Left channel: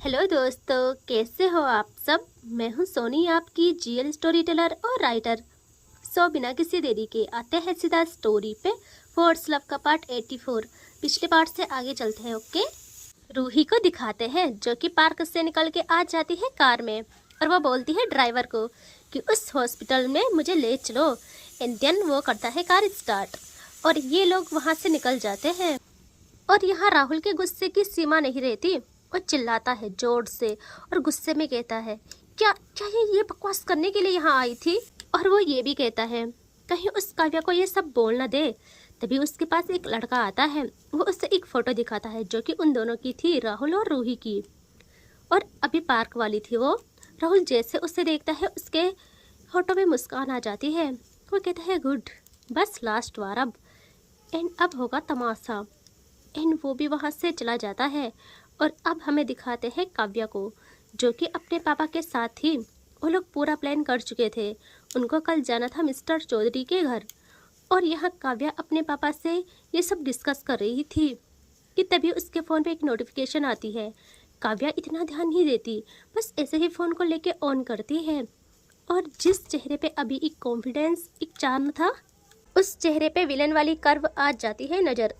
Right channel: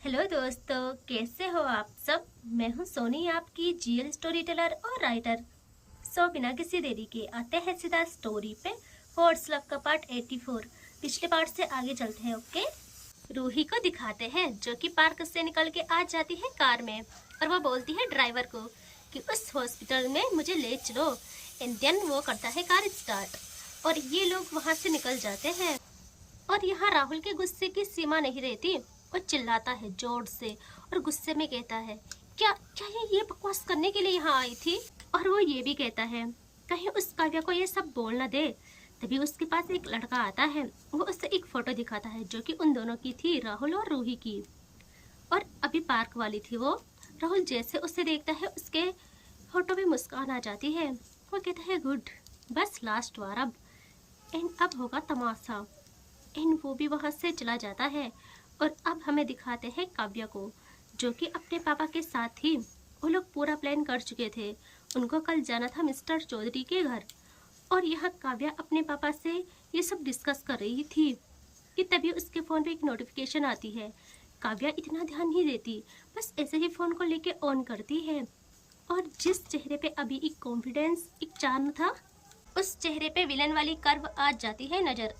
Hello दोस्तों, कैसे हो आप सब। मैं हूं सोनी, आपकी जीएल स्टोरी टेलर और राइटर। बिना किसी देरी के आते हैं सीधा स्टोरी पे। फोर्स लव का पार्ट 84। पिछले पार्ट से आगे चलते हैं। ओके, रूही को दिखाते हैं जो कि पार्क से निकल के आ जाती है कार में, और वो बोलती है ड्राइवर को कि उस हॉस्पिटल में मुझे ले चलो। एंड देन वो करता है कार स्टार्ट और ये लोग वहाँ से निकल जाते हैं। और यहाँ राहुल के गुस्से की सीमा नहीं रहती। वो चिल्लाता है जोर से और गुस्से में कहता है, क्या क्या ये बकवास करने के लिए यहाँ आई थी। और वो ये भी कहता है कहीं उस काव्या को ये सब बोल न दे। तभी उसके पास एक लड़का आता है। वो उससे एक फोटो दिखाता है जो कि उन दोनों की थी, राहुल और रूही की। और अभी पार्क वाली थी वो। राहुल जैसे उसे देखता है उसके फोटो में मुस्कान आ जाती है। वो कहता है गुड, बस लास्ट बार अब होगा तमाशा। एंड वो भी वहाँ से चला जाता है। और अब हमें दिखाते हैं काव्या को जो कि अपने पापा के साथ ही, वो लोग पूरा प्लान कर चुके थे। उनको कल जाना था मिस्टर चौधरी के घर। और यहाँ काव्या अपने पापा से ये सब डिस्कस कर रही थी कि तभी उसके फ़ोन पे एक नोटिफिकेशन आती है। काव्या इतना ध्यान नहीं देती, बस ऐसे ही फ़ोन को लेके ऑन करती है। और जिस चेहरे पे अभी एक कॉन्फिडेंस, एक चार्म था, उस चेहरे पे विलन वाली कर्व आ जाती है नज़र।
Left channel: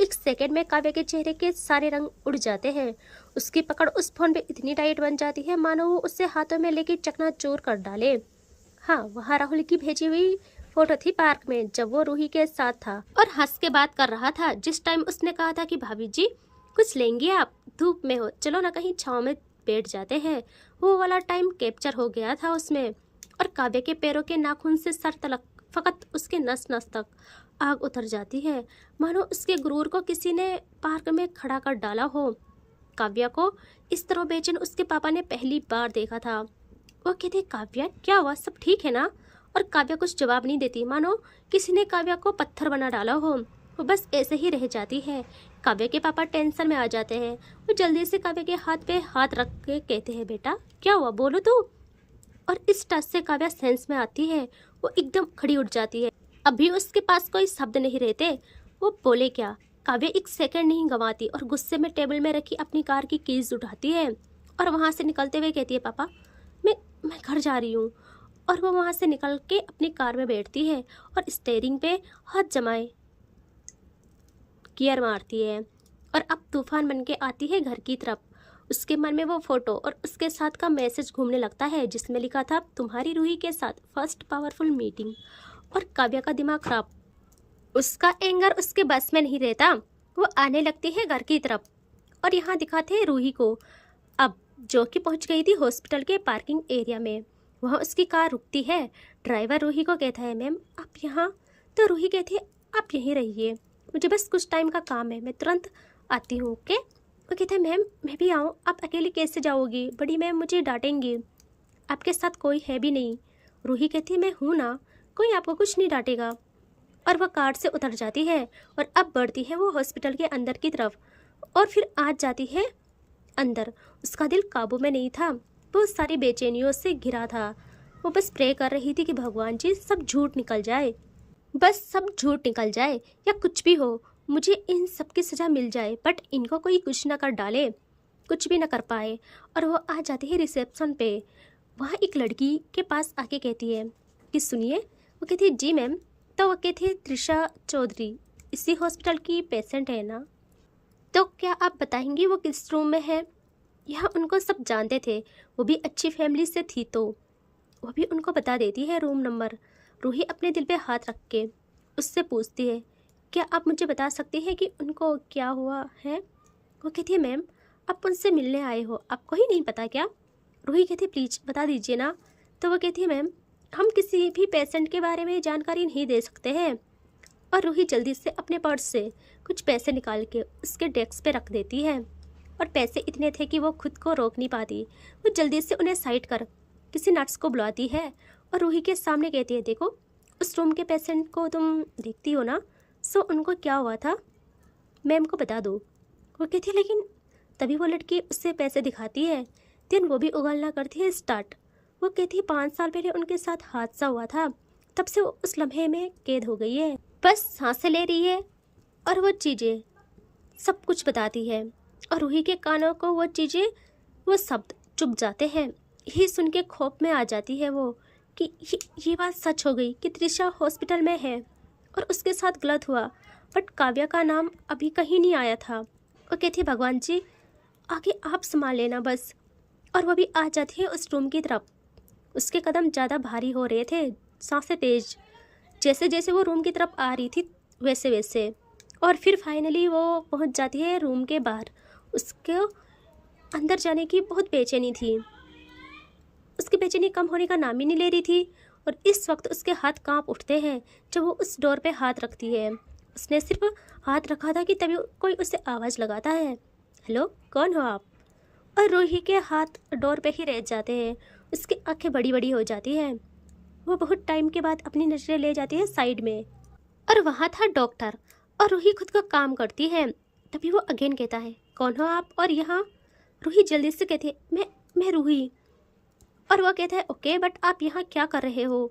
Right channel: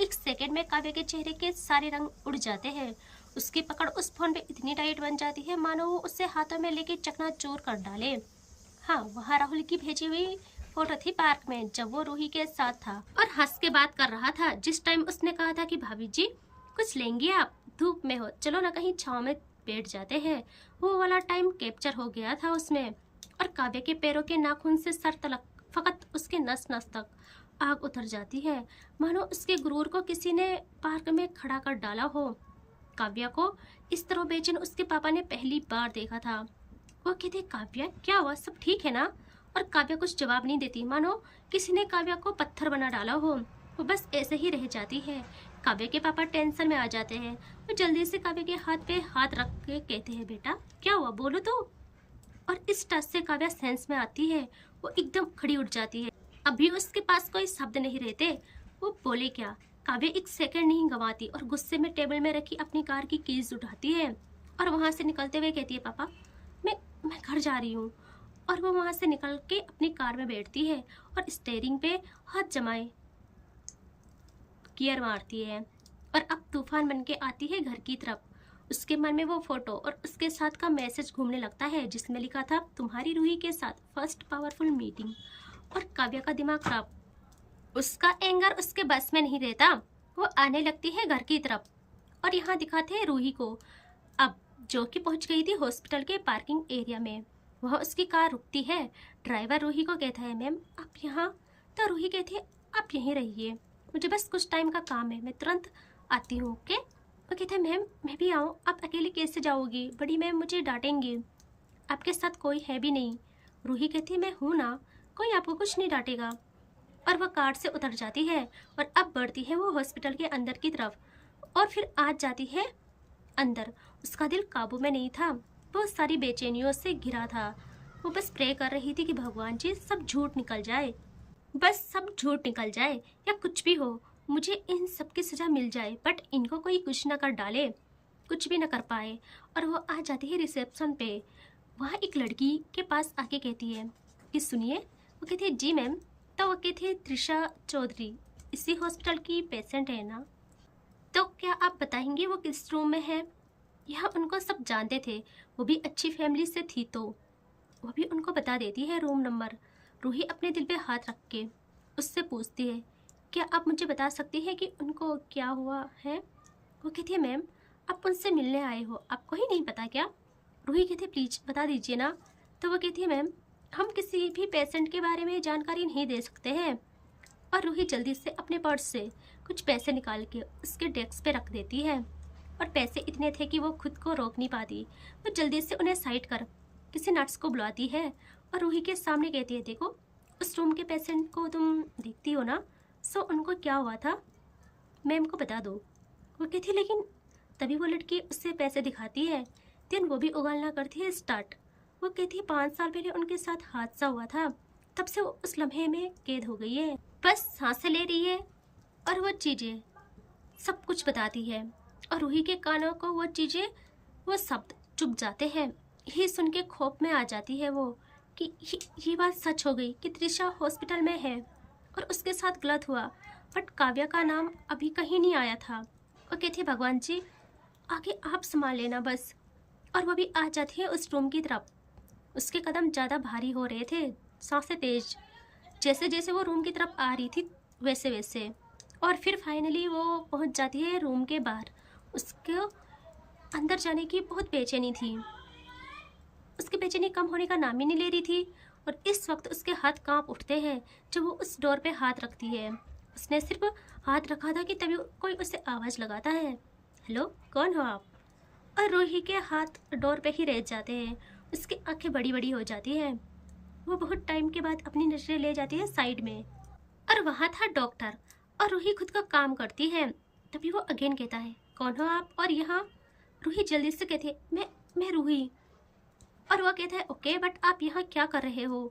एक सेकंड में काव्या के चेहरे के सारे रंग उड़ जाते हैं। उसकी पकड़ उस फोन पे इतनी टाइट बन जाती है मानो वो उससे हाथों में लेके चकनाचूर कर डाले। हाँ, वहाँ राहुल की भेजी हुई फोटो थी पार्क में जब वो रूही के साथ था और हंस के बात कर रहा था। जिस टाइम उसने कहा था कि भाभी जी कुछ लेंगी आप, धूप में हो, चलो ना कहीं छाँव में बैठ जाते हैं, वो वाला टाइम कैप्चर हो गया था उसमें। और काव्या के पैरों के नाखून से सर तलक, फकत उसके नस नस तक आग उतर जाती है मानो उसके गुरूर को किसी ने पार्क में खड़ा कर डाला हो। काव्या को इस तरह बेचैन उसके पापा ने पहली बार देखा था। वो कहते, काव्या क्या हुआ, सब ठीक है ना। और काव्या कुछ जवाब नहीं देती, मानो किसी ने काव्या को पत्थर बना डाला हो। वो बस ऐसे ही रह जाती है। काव्या के पापा टेंशन में आ जाते हैं। वो जल्दी से काव्या के हाथ पे हाथ रख के कहते हैं, बेटा क्या हुआ, बोलो तो। और इस टच से काव्या सेंस में आती है। वो एकदम खड़ी उठ जाती है। अभी उसके पास कोई शब्द नहीं रहते, वो बोले क्या। काव्या एक सेकंड नहीं गंवाती और गुस्से में टेबल में रखी अपनी कार की कीज उठाती है और वहां से निकलते हुए कहती है, पापा मैं घर जा रही हूँ। और वो वहां से निकल के अपनी कार में बैठती है और स्टीयरिंग पे हाथ जमाए गियर मारती है। और अब तूफान बन के आती है घर की तरफ। उसके मन में वो फोटो और उसके साथ का मैसेज घूमने लगता है जिसमें लिखा था, तुम्हारी रूही के साथ फर्स्ट पावरफुल मीटिंग। और काव्या का दिमाग खराब, उसका एंगर उसके बस में नहीं रहता। वो आने लगती है घर की तरफ। और यहाँ दिखाते हैं रूही को अब, जो कि पहुंच गई थी हॉस्पिटल के पार्किंग एरिया में। वहाँ उसकी कार रुकती है। ड्राइवर रूही को कहता है, मैम आप यहाँ। तो रूही कहती है, आप यहीं रहिए, मुझे बस कुछ टाइम का काम है, मैं तुरंत आती हूँ। ओके। वो कहते हैं, मैम मैं भी आऊँ, आप अकेले कैसे जाओगी, बड़ी मैम मुझे डांटेंगी, आपके साथ कोई है भी नहीं। रूही कहती है, मैं हूँ ना, कोई आपको कुछ नहीं डांटेगा। और वह कार से उतर जाती है और अब बढ़ती है वो हॉस्पिटल के अंदर की तरफ। और फिर आज जाती है अंदर। उसका दिल काबू में नहीं था, वो सारी बेचैनियों से घिरा था। वो बस प्रे कर रही थी कि भगवान जी सब झूठ निकल जाए, बस सब झूठ निकल जाए या कुछ भी हो, मुझे इन सब की सजा मिल जाए, बट इनको कोई कुछ ना कर डाले, कुछ भी ना कर पाए। और वो आ जाती है रिसेप्शन पे। वहाँ एक लड़की के पास आके कहती है कि सुनिए। वो कहती है, जी मैम। तो वो कहती है, त्रिशा चौधरी इसी हॉस्पिटल की पेशेंट है ना, तो क्या आप बताएंगी वो किस रूम में है। यहाँ उनको सब जानते थे, वो भी अच्छी फैमिली से थी, तो वो भी उनको बता देती है रूम नंबर। रूही अपने दिल पे हाथ रख के उससे पूछती है, क्या आप मुझे बता सकती हैं कि उनको क्या हुआ है। वो कहती है, मैम आप उनसे मिलने आए हो, आपको ही नहीं पता क्या। रूही कहती है, प्लीज़ बता दीजिए ना। तो वो कहती है, मैम हम किसी भी पेशेंट के बारे में जानकारी नहीं दे सकते हैं। और रूही जल्दी से अपने पर्स से कुछ पैसे निकाल के उसके डेस्क पे रख देती है। और पैसे इतने थे कि वो खुद को रोक नहीं पाती। वो जल्दी से उन्हें साइड कर किसी नर्स को बुलाती है और रूही के सामने कहती है, देखो उस रूम के पेशेंट को तुम देखती हो ना, सो उनको क्या हुआ था मैम को बता दो। वो कहती है, लेकिन तभी वो लड़की उससे पैसे दिखाती है। देन वो भी उगलना करती है स्टार्ट। वो कहती है, 5 साल पहले उनके साथ हादसा हुआ था, तब से वो उस लम्हे में कैद हो गई है, बस सांसें ले रही है और वो चीज़ें सब कुछ बताती है। और रूही के कानों को वो चीज़ें वो शब्द चुप जाते हैं। यही सुन के खौफ में आ जाती है वो कि ये बात सच हो गई कि त्रिशा हॉस्पिटल में है और उसके साथ गलत हुआ। बट काव्या का नाम अभी कहीं नहीं आया था। वो कहती, भगवान जी आगे आप संभाल लेना बस। और वो भी आ जाती है उस रूम की तरफ। उसके कदम ज़्यादा भारी हो रहे थे, सांसें तेज। जैसे जैसे वो रूम की तरफ आ रही थी वैसे वैसे। और फिर फाइनली वो पहुंच जाती है रूम के बाहर। उसके अंदर जाने की बहुत बेचैनी थी। उसकी बेचैनी कम होने का नाम ही नहीं ले रही थी। और इस वक्त उसके हाथ कांप उठते हैं जब वो उस डोर पे हाथ रखती है। उसने सिर्फ हाथ रखा था कि तभी कोई उसे आवाज़ लगाता है, हेलो कौन हो आप? और रूही के हाथ डोर पे ही रह जाते हैं। उसकी आंखें बड़ी बड़ी हो जाती हैं। वो बहुत टाइम के बाद अपनी नजरें ले जाती है साइड में और वहाँ था डॉक्टर। और रूही खुद का काम करती है। तभी वो अगेन कहता है, कौन हो आप और यहाँ? रूही जल्दी से कहते, मैं रूही। और वो कहता है, ओके बट आप यहाँ क्या कर रहे हो?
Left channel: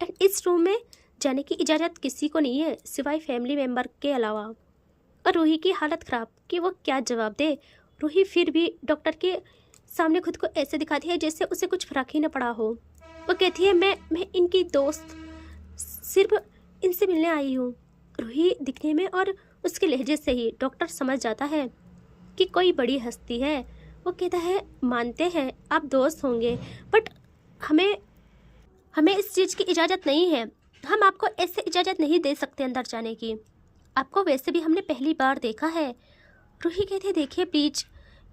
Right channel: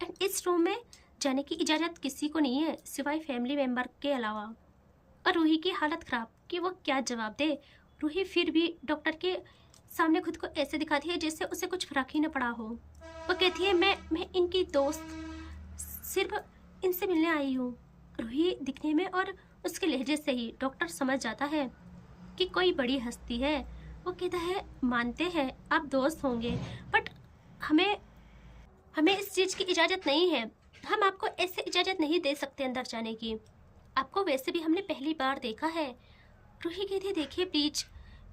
एंड इस रूम में जाने की इजाज़त किसी को नहीं है सिवाय फैमिली मेम्बर के अलावा। और रूही की हालत ख़राब कि वो क्या जवाब दे। रूही फिर भी डॉक्टर के सामने खुद को ऐसे दिखाती है जैसे उसे कुछ फर्क ही न पड़ा हो। वो कहती है, मैं इनकी दोस्त, सिर्फ इनसे मिलने आई हूँ। रूही दिखने में और उसके लहजे से ही डॉक्टर समझ जाता है कि कोई बड़ी हस्ती है। वो कहता है, मानते हैं आप दोस्त होंगे बट हमें हमें इस चीज़ की इजाज़त नहीं है। हम आपको ऐसे इजाज़त नहीं दे सकते अंदर जाने की। आपको वैसे भी हमने पहली बार देखा है। रूही कहती है, देखिए प्लीज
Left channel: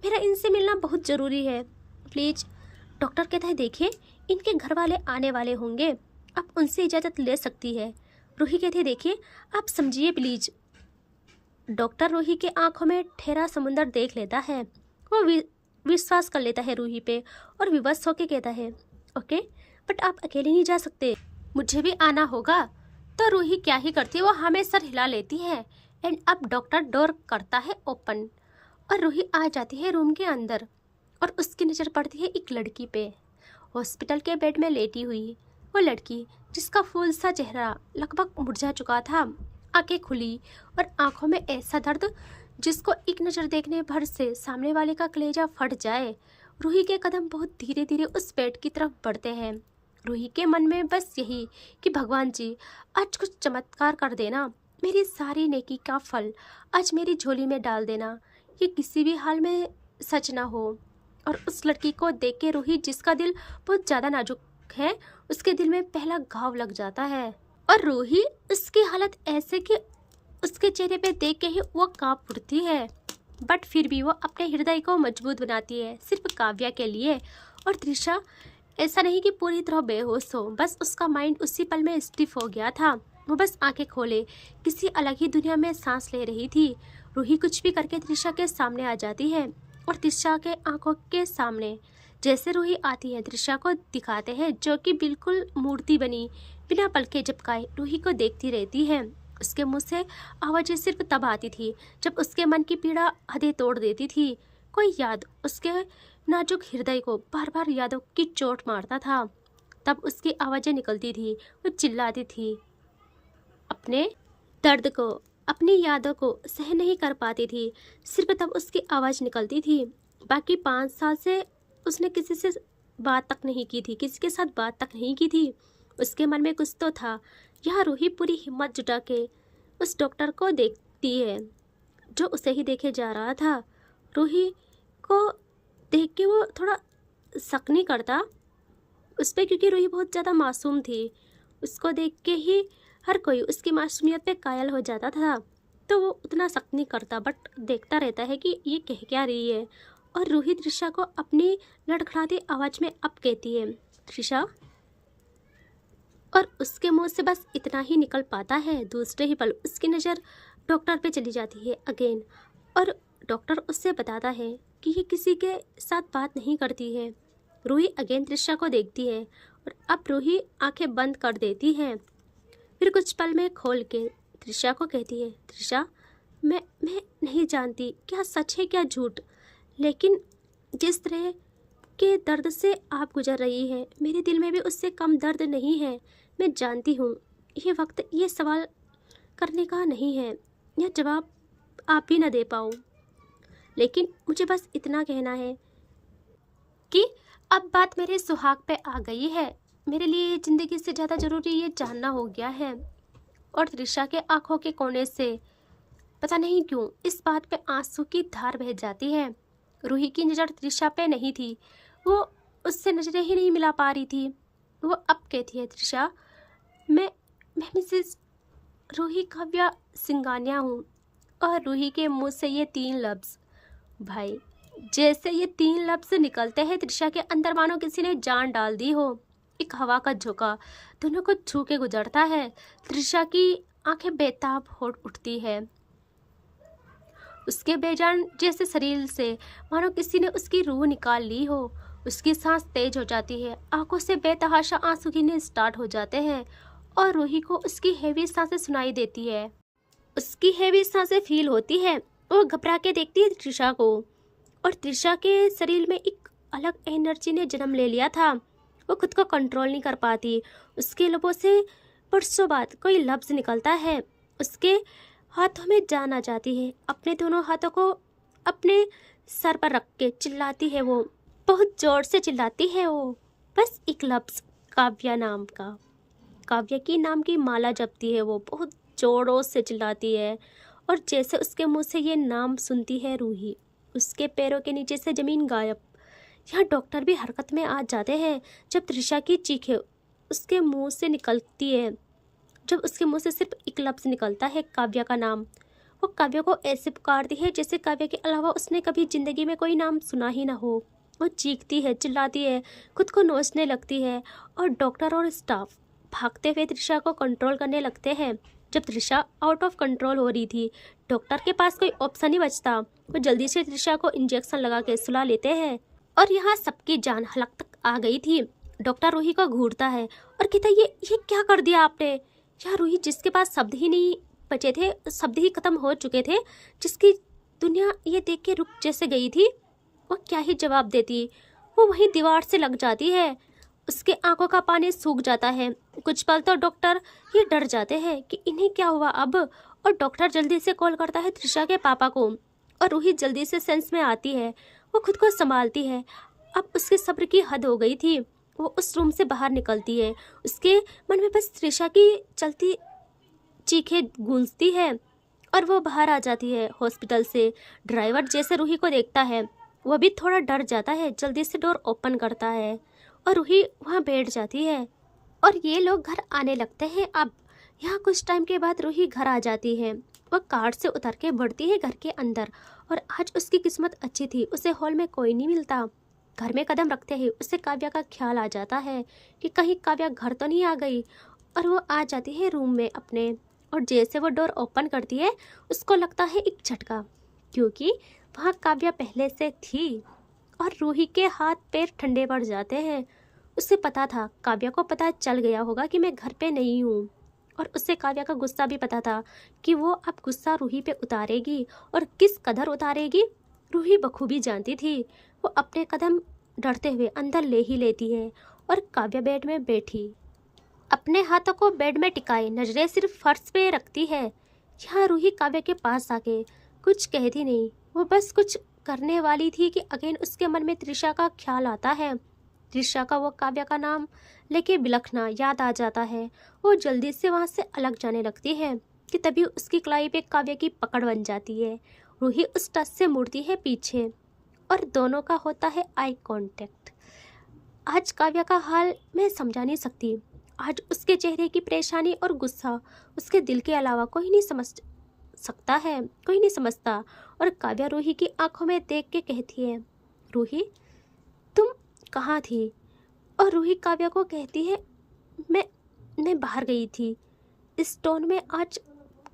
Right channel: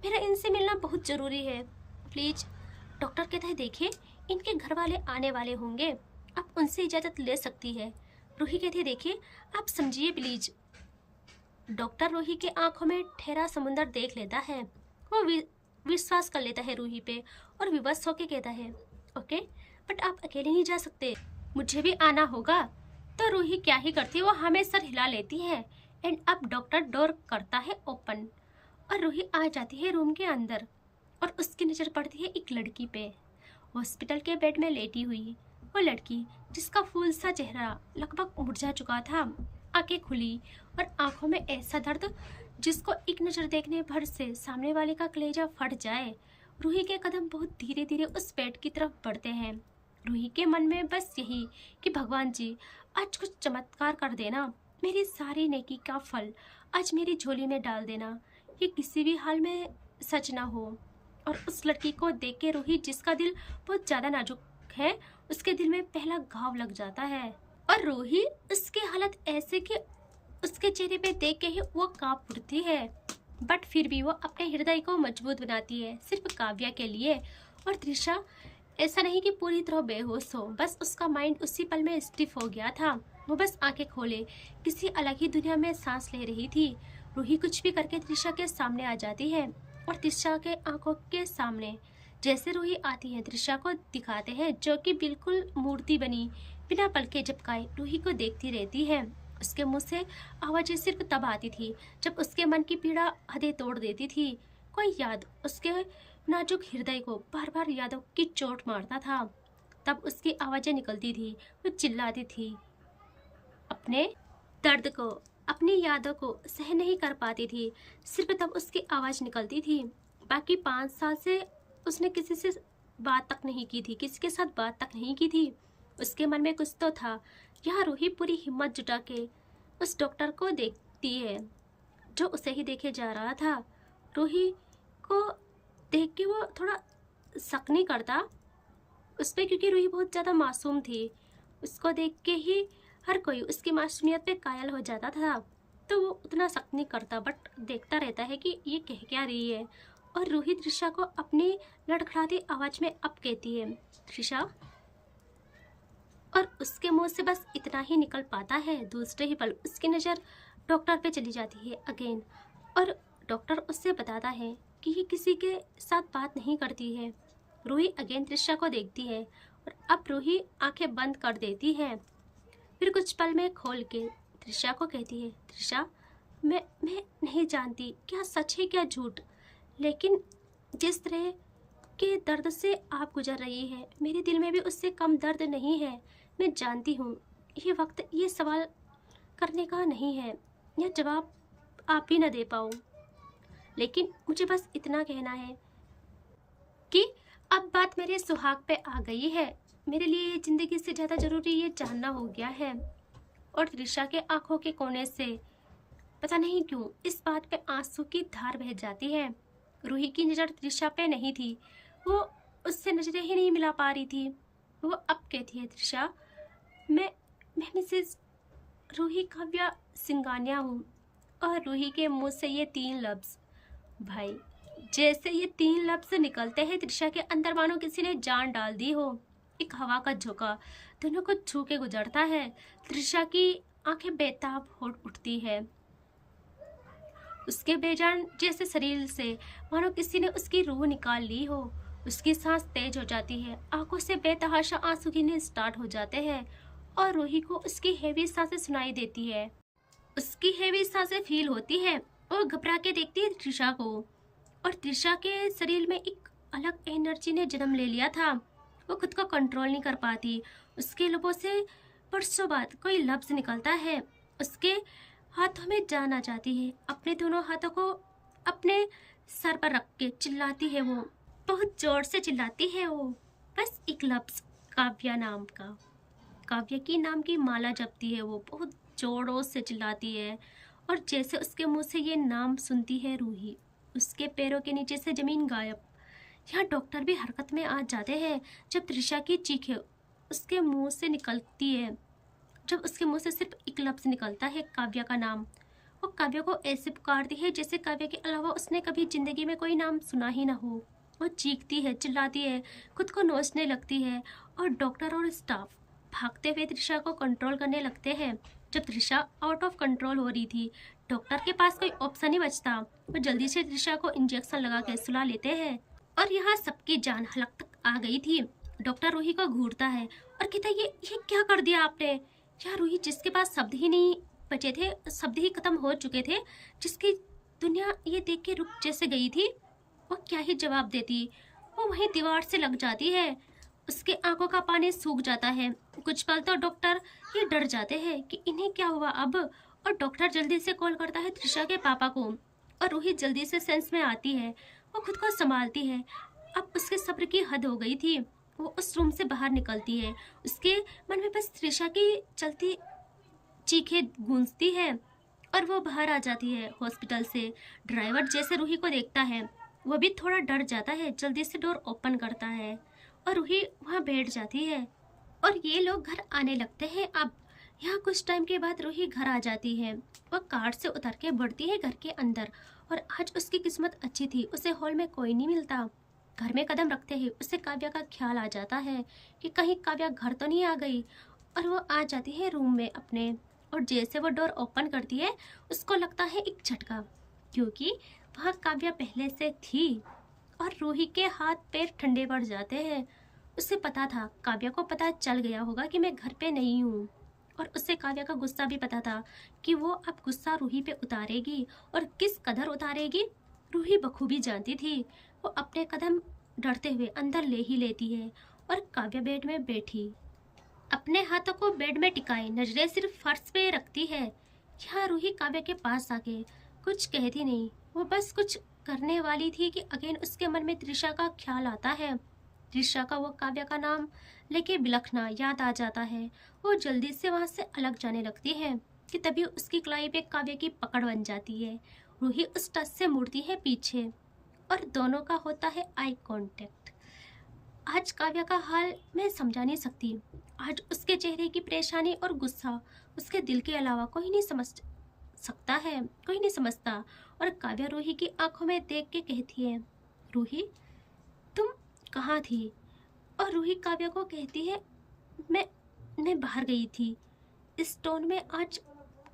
मेरा इनसे मिलना बहुत ज़रूरी है प्लीज। डॉक्टर कहता है, देखिए इनके घर वाले आने वाले होंगे, आप उनसे इजाज़त ले सकती है। रूही कहती है, देखिए आप समझिए प्लीज। डॉक्टर रूही के आंखों में ठहरा समुंदर देख लेता है। वो विश्वास कर लेता है रूही पे और विवश होकर कहता है, ओके बट आप अकेले नहीं जा सकते, मुझे भी आना होगा। तो रूही क्या ही करती है, वो हमें सर हिला लेती है। एंड अब डॉक्टर डोर करता है ओपन और रूही आ जाती है रूम के अंदर। और उसकी नज़र पड़ती है एक लड़की पे, हॉस्पिटल के बेड में लेटी हुई। वो लड़की जिसका फूल सा चेहरा लगभग मुरझा चुका था, आंखें खुली और आंखों में ऐसा दर्द जिसको एक नज़र देखने भर से सामने वाले का कलेजा फट जाए। रूही के कदम बहुत धीरे धीरे उस बेड की तरफ बढ़ते हैं। रूही के मन में बस यही कि भगवान जी आज कुछ चमत्कार कर देना, मेरी सारी नेकी का फल आज मेरी झोली में डाल देना, ये किसी भी हाल में सच ना हो। और उस लड़की को देख के रूही, जिसका दिल बहुत ज़्यादा नाजुक है, उसके दिल में पहला घाव लग जाता है। और रूही उसकी हालत ऐसे कि उसके चेहरे पे देख के ही वो कांप उठती है। बट फिर भी वो अपने हृदय को मजबूत बनाती है सिर्फ काव्या के लिए। और त्रिशा ऐसा नहीं कि पूरी तरह बेहोश हो, बस उसका माइंड उसी पल में स्टिफ हो गया था। वो बस आंखें खोले किसी अलग ही दुनिया में सांस ले रही थी। रूही कुछ भी करके त्रिशा के सामने आ जाती है और त्रिशा के आंखों के सामने जैसे रूही आती है त्रिशा को दिखाते हैं, जो कि बिल्कुल मूर्ति बनी बिना पलके झपकाए रूही को देखती रहती है। उसके मुंह से आवाज़ें सिर्फ तब आती थी जब उसके मन की पीड़ा हदें तोड़ देती थी। कोई याद उसके नाजुक हृदय को बार बार यादों की चोट मारता था। तब उसकी आवाज़ें निकलती थी, वो चिल्लाती थी, अपने दर्द को, अपनी यादों को सहन नहीं कर पाती थी। सिर्फ तब उसकी आवाज़ निकलती थी। बाकी 5 साल से उसने किसी से बात तक नहीं की थी, किसी के साथ बात तक नहीं की थी। उसके मन में कुछ तो था। यह रूही पूरी हिम्मत जुटा के उस डॉक्टर को देखती है जो उसे ही देखे जा रहा था। रूही को देख के वो थोड़ा शक नहीं करता उस पर, क्योंकि रूही बहुत ज़्यादा मासूम थी। उसको देख के ही हर कोई उसकी मासूमियत पे कायल हो जाता था, तो वो उतना शक नहीं करता बट देखता रहता है कि ये कह क्या रही है। और रूही त्रिशा को अपनी लड़खड़ाती आवाज़ में अब कहती है, त्रिशा। और उसके मुंह से बस इतना ही निकल पाता है। दूसरे ही पल उसकी नज़र डॉक्टर पे चली जाती है अगेन। और डॉक्टर उससे बताता है कि ये किसी के साथ बात नहीं करती है। रूही अगेन त्रिशा को देखती है और अब रूही आंखें बंद कर देती है। फिर कुछ पल में खोल के त्रिशा को कहती है, त्रिशा मैं नहीं जानती क्या सच है क्या झूठ, लेकिन जिस तरह के दर्द से आप गुजर रही है मेरे दिल में भी उससे कम दर्द नहीं है। मैं जानती हूँ ये वक्त ये सवाल करने का नहीं है, यह जवाब आप भी न दे पाओ, लेकिन मुझे बस इतना कहना है कि अब बात मेरे सुहाग पे आ गई है। मेरे लिए जिंदगी से ज़्यादा ज़रूरी ये जानना हो गया है। और त्रिशा के आंखों के कोने से पता नहीं क्यों इस बात पे आंसू की धार बह जाती है। रूही की नज़र त्रिशा पे नहीं थी, वो उससे नजरें ही नहीं मिला पा रही थी। वो अब कहती है, त्रिशा मैं मिसेस रूही काव्या सिंघानिया हूँ। और रूही के मुंह से ये 3 लफ्ज़, भाई जैसे ये 3 लफ्ज़ निकलते हैं त्रिशा के अंदर मानो किसी ने जान डाल दी हो। एक हवा का झोंका दोनों को छू के गुजरता है। त्रिशा की आंखें बेताब हो उठती है। उसके बेजान जैसे शरीर से मानो किसी ने उसकी रूह निकाल ली हो। उसकी सांस तेज हो जाती है, आंखों से बेतहाशा आंसू गिरने स्टार्ट हो जाते हैं और रूही को उसकी हेवी सांसें सुनाई देती है। उसकी हेवी सांसें फील होती है। वो घबरा के देखती है त्रिशा को और त्रिशा के शरीर में एक अलग एनर्जी ने जन्म ले लिया था। वो खुद को कंट्रोल नहीं कर पाती। उसके लबों से बरसों बाद कोई लफ्ज़ निकलता है। उसके हाथों में जान आ जाती है। अपने दोनों हाथों को अपने सर पर रख के चिल्लाती है। वो बहुत जोर से चिल्लाती है। वो बस एक लफ्ज़, काव्या नाम का, काव्या की नाम की माला जपती है। वो बहुत जोरों से चिल्लाती है और जैसे उसके मुंह से ये नाम सुनती है रूही, उसके पैरों के नीचे से ज़मीन गायब। यहाँ डॉक्टर भी हरकत में आ जाते हैं जब त्रिशा की चीखें उसके मुंह से निकलती है। जब उसके मुंह से सिर्फ एक लफ्ज़ निकलता है, काव्या का नाम, वो काव्या को ऐसे पुकारती है जैसे काव्या के अलावा उसने कभी ज़िंदगी में कोई नाम सुना ही ना हो। वो चीखती है, चिल्लाती है, खुद को नोचने लगती है और डॉक्टर और स्टाफ भागते हुए त्रिशा को कंट्रोल करने लगते हैं। जब त्रिशा आउट ऑफ कंट्रोल हो रही थी, डॉक्टर के पास कोई ऑप्शन ही बचता। वो जल्दी से त्रिशा को इंजेक्शन लगा के सुला लेते हैं और यहाँ सबकी जान हलक तक आ गई थी। डॉक्टर रूही को घूरता है और कहता है, ये क्या कर दिया आपने। यहाँ रूही, जिसके पास शब्द ही नहीं बचे थे, शब्द ही खत्म हो चुके थे, जिसकी दुनिया ये देख के रुक जैसे गई थी, वो क्या ही जवाब देती। वो वहीं दीवार से लग जाती है। उसके आंखों का पानी सूख जाता है। कुछ पल तो डॉक्टर ये डर जाते हैं कि इन्हें क्या हुआ अब। और डॉक्टर जल्दी से कॉल करता है त्रिशा के पापा को और रूही जल्दी से सेंस में आती है। वो खुद को संभालती है। अब उसके सब्र की हद हो गई थी। वो उस रूम से बाहर निकलती है। उसके मन में बस त्रिशा की चलती चीखें गूंजती है और वो बाहर आ जाती है हॉस्पिटल से। ड्राइवर जैसे रूही को देखता है, वो भी थोड़ा डर जाता है, जल्दी से डोर ओपन करता है और रूही वहाँ बैठ जाती है और ये लोग घर आने लगते हैं। अब यहाँ कुछ टाइम के बाद रूही घर आ जाती है। वह कार से उतर के बढ़ती है घर के अंदर और आज उसकी किस्मत अच्छी थी, उसे हॉल में कोई नहीं मिलता। घर में कदम रखते ही उसे काव्या का ख्याल आ जाता है कि कहीं काव्या घर तो नहीं आ गई। और वो आ जाती है रूम में अपने और जैसे वो डोर ओपन करती है उसको लगता है एक झटका, क्योंकि वहाँ काव्या पहले से थी और रूही के हाथ पैर ठंडे पड़ जाते हैं। उसे पता था, काव्या को पता चल गया होगा कि मैं घर पे नहीं हूँ और उससे काव्या का गुस्सा भी पता था कि वो अब गुस्सा रूही पे उतारेगी और किस कदर उतारेगी रूही बखूबी जानती थी। वो अपने कदम डरते हुए अंदर ले ही लेती है और काव्या बेड में बैठी अपने हाथों को बेड में टिकाए नजरें सिर्फ फर्श पे रखती है। यहाँ रूही काव्या के पास आके कुछ कहती नहीं, वो बस कुछ करने वाली थी कि अगेन उसके मन में त्रिशा का ख्याल आता है। त्रिशा का वो काव्या का नाम लेके बिलखना याद आ जाता है। वो जल्दी से वहाँ से अलग जाने लगती है कि तभी उसकी कलाई पे काव्या की पकड़ बन जाती है। रूही उस टच से मुड़ती है पीछे और दोनों का होता है आई कांटेक्ट। आज काव्या का हाल मैं समझा नहीं सकती। आज उसके चेहरे की परेशानी और गुस्सा उसके दिल के अलावा कोई नहीं समझ सकता है, कोई नहीं समझता। और काव्या रूही की आंखों में देख के कहती है, रूही तुम कहाँ थी। और रूही काव्या को कहती है, मैं बाहर गई थी। इस टोन में आज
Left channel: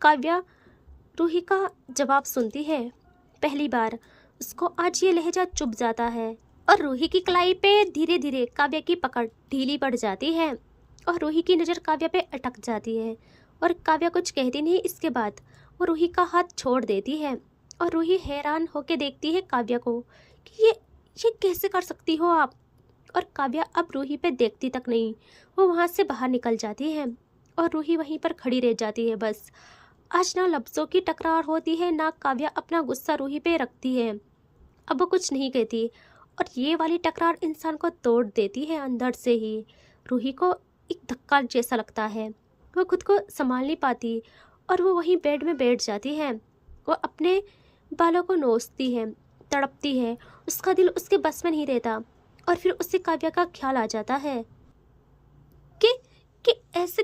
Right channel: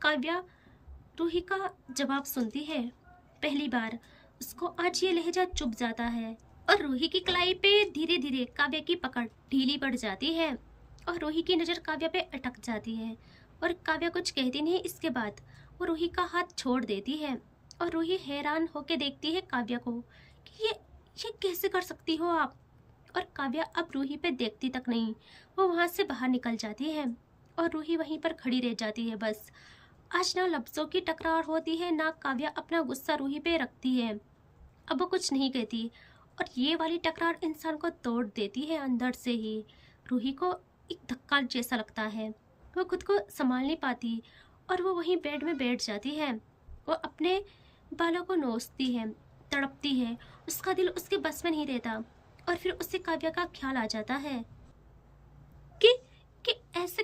काव्या रूही का जवाब सुनती है। पहली बार उसको आज ये लहजा चुभ जाता है और रूही की कलाई पे धीरे धीरे काव्या की पकड़ ढीली पड़ जाती है और रूही की नज़र काव्या पे अटक जाती है और काव्या कुछ कहती नहीं। इसके बाद वो रूही का हाथ छोड़ देती है और रूही हैरान होके देखती है काव्या को कि ये कैसे कर सकती हो आप। और काव्या अब रूही पे देखती तक नहीं, वो वहाँ से बाहर निकल जाती है और रूही वहीं पर खड़ी रह जाती है। बस आज ना लफ्ज़ों की टकरार होती है, ना काव्या अपना गुस्सा रूही पे रखती है। अब वो कुछ नहीं कहती और ये वाली टकरार इंसान को तोड़ देती है अंदर से ही। रूही को एक धक्का जैसा लगता है, वो खुद को संभाल नहीं पाती और वो वहीं बेड में बैठ जाती है। वो अपने बालों को नोचती है, तड़पती है, उसका दिल उसके बस में नहीं रहता। और फिर उसे काव्या का ख्याल आ जाता है कि कि ऐसे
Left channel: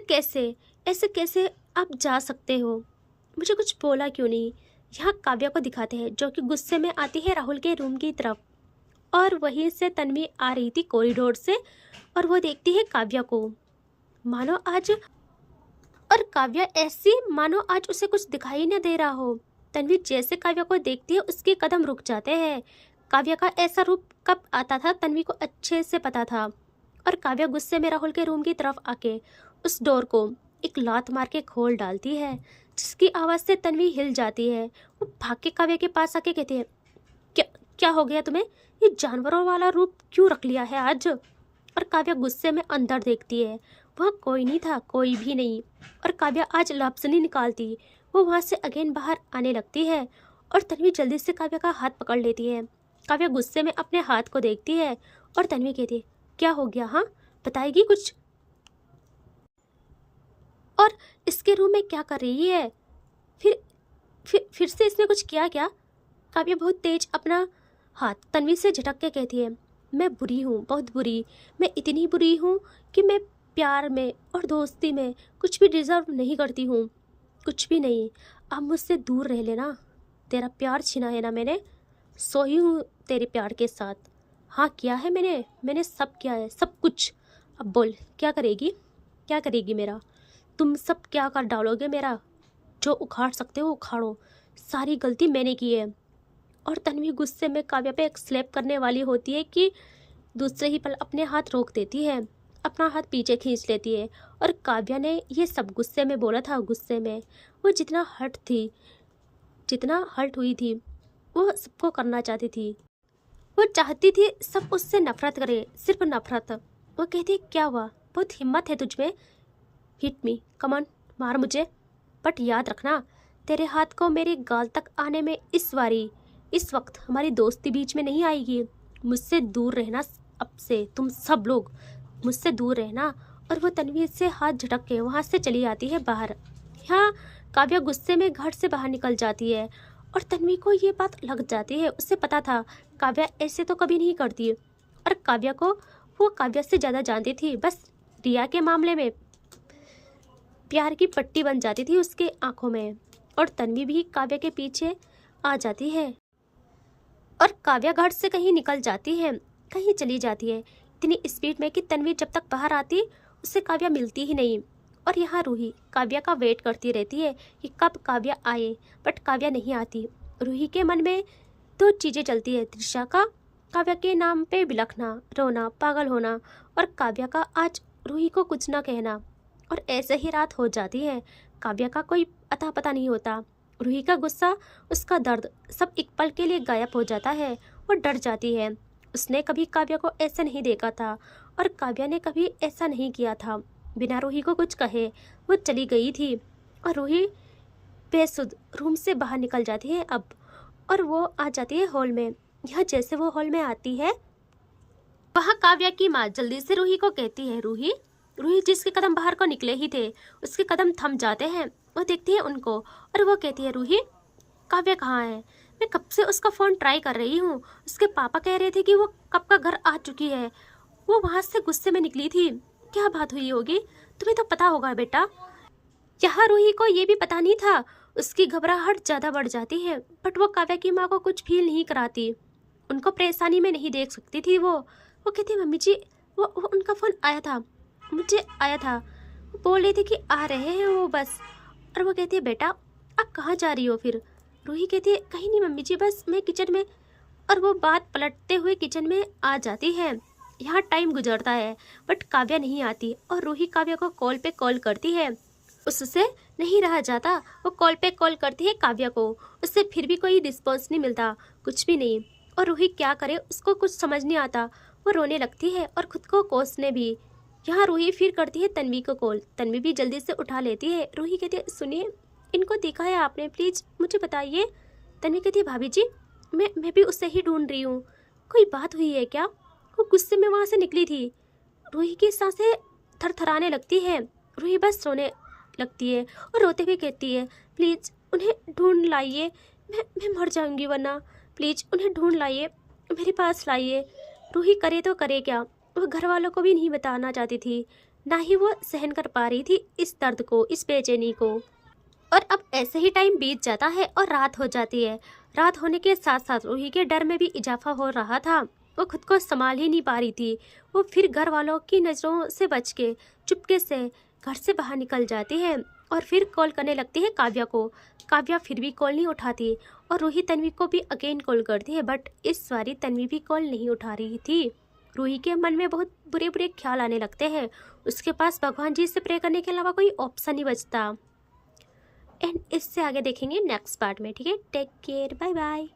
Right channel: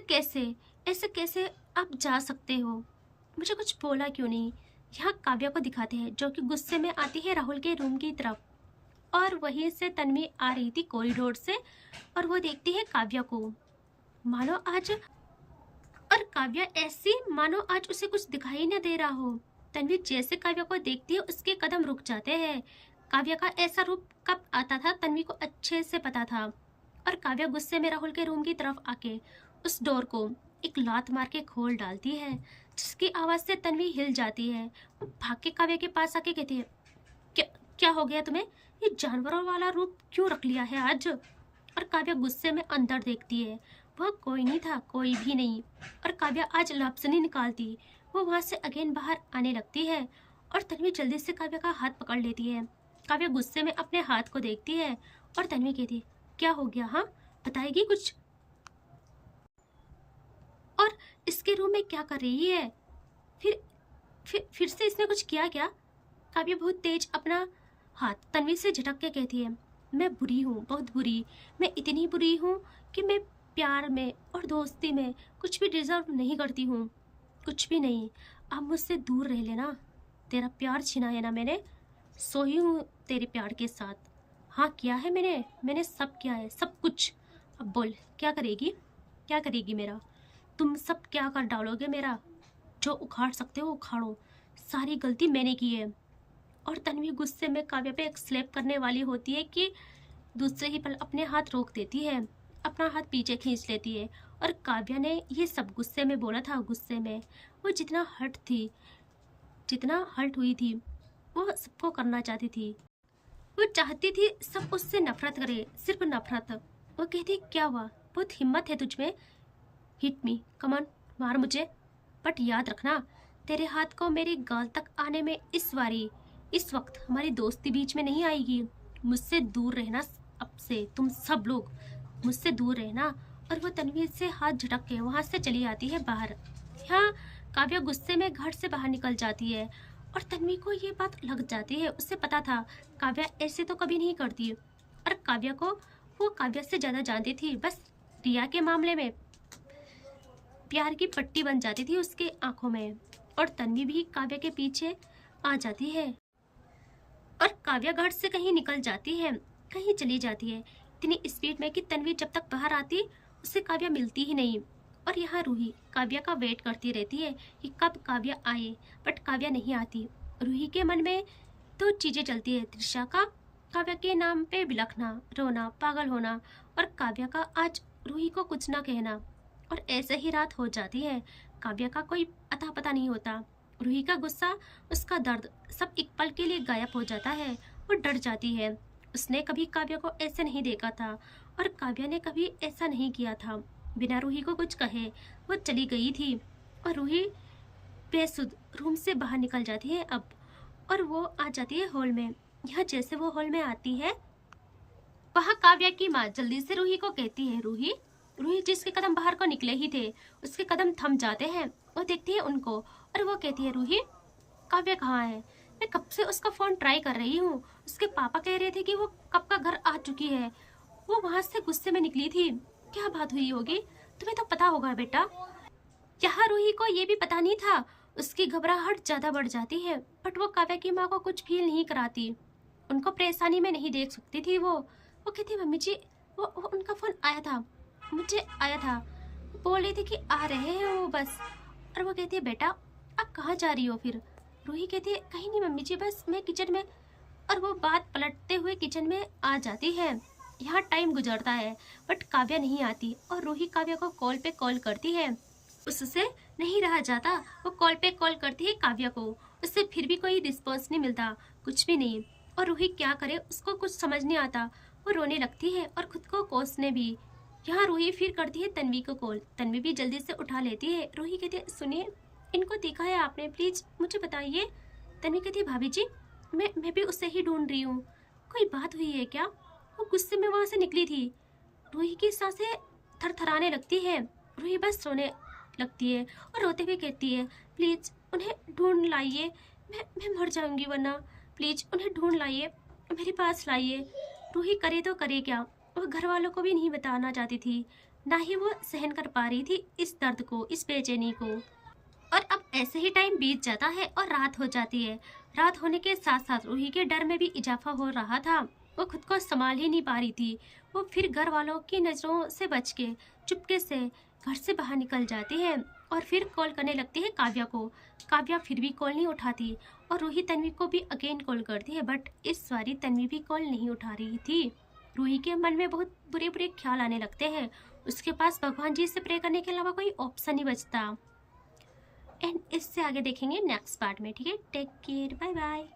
कैसे आप जा सकते हो, मुझे कुछ बोला क्यों नहीं। यहाँ काव्या को दिखाते हैं जो कि गुस्से में आती है राहुल के रूम की तरफ, और वहीं से तन्वी आ रही थी कॉरिडोर से, और वो देखती है काव्या को, मानो आज, और काव्या ऐसी मानो आज उसे कुछ दिखाई न दे रहा हो। तन्वी जैसे काव्या को देखती है उसके कदम रुक जाते हैं। काव्या का ऐसा रूप कब आता था तन्वी को अच्छे से पता था। और काव्या गुस्से में राहुल के रूम की तरफ आके उस डोर को एक लात मार के खोल डालती है, जिसकी आवाज़ से तन्वी हिल जाती है। वो भाग के काव्या के पास आके कहती है, क्या क्या हो गया तुम्हें, ये जानवरों वाला रूप क्यों रख लिया है आज। और काव्या गुस्से में अंदर देखती है, वहाँ कोई नहीं था, कोई भी नहीं। और काव्या आज लफ्ज़ नहीं निकालती, वो वहाँ से अगेन बाहर आने लगती है। और तन्वी जल्दी से काव्या का हाथ पकड़ लेती है। काव्या गुस्से में अपने हाथ को देखती है और तन्वी कहती है, क्या हो गया, हाँ बताएगी कुछ। और इसके रूम में क्या कर रही है, फिर से इसने कुछ किया क्या। काव्या बहुत तेज अपना हाथ तन्वी से झटक के कहती है, मैं बुरी हूँ, बहुत बुरी। मैं इतनी बुरी हूँ कि मैं प्यार में और दोस्ती में कुछ भी डिजर्व नहीं करती हूँ, कुछ भी नहीं। अब मुझसे दूर रह लेना, तेरा प्यार छीना है ना मैंने, सोई हूँ तेरे प्यार के साथ। हाँ किया है मैंने सब किया है, सब कुछ। अब बोल क्या करेगी मेरा, तुम सब क्या कर डालोगे मेरा। जो उखाड़ सकते हो उखाड़ो, सारी गलती मैंने की है। और तन्वी गुस्से में काव्या पे एक स्लैप करने वाली होती है कि दूसरे ही पल अपने हाथ रोक देती है, अपना हाथ पीछे खींच लेती है। और काव्या ने ये सब गुस्से में बोला था, गुस्से में वो जितना हर्ट हुई थी वो सबको करना चाहती थी। वो चाहती थी सब उससे नफरत करे, सिर्फ नफरत। वो कहती, क्या हुआ, बहुत हिम्मत है तुझ में, हिट मी, कमान, मार मुझे, बट याद रखना तेरे हाथ को मेरी गाल तक आने में इस वक्त हमारी दोस्ती बीच में नहीं आएगी। मुझसे दूर रहना, अब से तुम सब लोग मुझसे दूर रहना। और वो तन्वी से हाथ झटक के वहाँ से चली आती है बाहर। यहाँ काव्या गुस्से में घर से बाहर निकल जाती है और तन्वी को ये बात लग जाती है, उसे पता था काव्या ऐसे तो कभी नहीं करती। और काव्या को वो काव्या से ज़्यादा जानती थी, बस रिया के मामले में प्यार की पट्टी बन जाती थी उसके आंखों में। और तन्वी भी काव्या के पीछे आ जाती है और काव्या घर से कहीं निकल जाती है, कहीं चली जाती है इतनी स्पीड में कि तन्वी जब तक बाहर आती उससे काव्या मिलती ही नहीं। और यहाँ रूही काव्या का वेट करती रहती है कि कब काव्या आए, बट काव्या नहीं आती। रूही के मन में दो चीज़ें चलती है, त्रिशा का काव्या के नाम पे बिलखना, रोना, पागल होना, और काव्या का आज रूही को कुछ ना कहना। और ऐसे ही रात हो जाती है, काव्या का कोई अता पता नहीं होता। रूही का गुस्सा, उसका दर्द सब एक पल के लिए गायब हो जाता है। वो डर जाती है, उसने कभी काव्या को ऐसे नहीं देखा था और काव्या ने कभी ऐसा नहीं किया था। बिना रूही को कुछ कहे वो चली गई थी और रूही बेसुध रूम से बाहर निकल जाती है अब, और वो आ जाती है हॉल में। यहाँ जैसे वो हॉल में आती है, वहाँ काव्या की माँ जल्दी से रूही को कहती है, रूही जिसके कदम बाहर को निकले ही थे उसके कदम थम जाते हैं। वो देखती है उनको और वो कहती है, रूही काव्या कहाँ है, मैं कब से उसका फ़ोन ट्राई कर रही हूँ, उसके पापा कह रहे थे कि वो कब का घर आ चुकी है, वो वहाँ से गुस्से में निकली थी, क्या बात हुई होगी, तुम्हें तो पता होगा बेटा। यहाँ रूही को ये भी पता नहीं था, उसकी घबराहट ज़्यादा बढ़ जाती है, बट वो काव्या की माँ को कुछ फील नहीं कराती, उनको परेशानी में नहीं देख सकती थी। वो कहती, मम्मी जी वो उनका फ़ोन आया था, मुझे आया था, वो बोल रही थी कि आ रहे हैं वो बस। और वो कहती है, बेटा आप कहाँ जा रही हो फिर। रूही कहती है, कहीं नहीं मम्मी जी, बस मैं किचन में। और वो बात पलटते हुए किचन में आ जाती है। यहाँ टाइम गुजरता है बट काव्या नहीं आती और रूही काव्या को कॉल पे कॉल करती है, उससे नहीं रहा जाता। वो कॉल पे कॉल करती है काव्या को, उससे फिर भी कोई रिस्पॉन्स नहीं मिलता, कुछ भी नहीं। और रूही क्या करे, उसको कुछ समझ नहीं आता, वो रोने लगती है और खुद को कोसने भी। यहाँ रूही फिर करती है तन्वी को कॉल, तन्वी भी जल्दी से उठा लेती है। रूही कहती है, सुनिए इनको देखा है आपने, प्लीज़ मुझे बताइए। तन्वी कहती है, भाभी जी मैं भी उससे ही ढूंढ रही हूँ, कोई बात हुई है क्या? वो गुस्से में वहाँ से निकली थी। रूही की सांसें थरथराने लगती है। रूही बस रोने लगती है और रोते हुए कहती है, प्लीज़ उन्हें ढूंढ लाइए, मैं मर जाऊंगी वरना। प्लीज़ उन्हें ढूंढ लाइए, मेरे पास लाइए। रूही करे तो करे क्या? वो घर वालों को भी नहीं बताना चाहती थी, ना ही वो सहन कर पा रही थी इस दर्द को, इस बेचैनी को। और अब ऐसे ही टाइम बीत जाता है और रात हो जाती है। रात होने के साथ साथ रूही के डर में भी इजाफा हो रहा था। वो खुद को संभाल ही नहीं पा रही थी। वो फिर घर वालों की नज़रों से बच के चुपके से घर से बाहर निकल जाती है और फिर कॉल करने लगती है काव्या को। काव्या फिर भी कॉल नहीं उठाती और रूही तन्वी को भी अगेन कॉल करती है, बट इस बारी तन्वी भी कॉल नहीं उठा रही थी। रूही के मन में बहुत बुरे बुरे ख्याल आने लगते हैं। उसके पास भगवान जी से प्रे करने के अलावा कोई ऑप्शन नहीं बचता। एंड इससे आगे देखेंगे नेक्स्ट पार्ट में। ठीक है, टेक केयर, बाय बाय।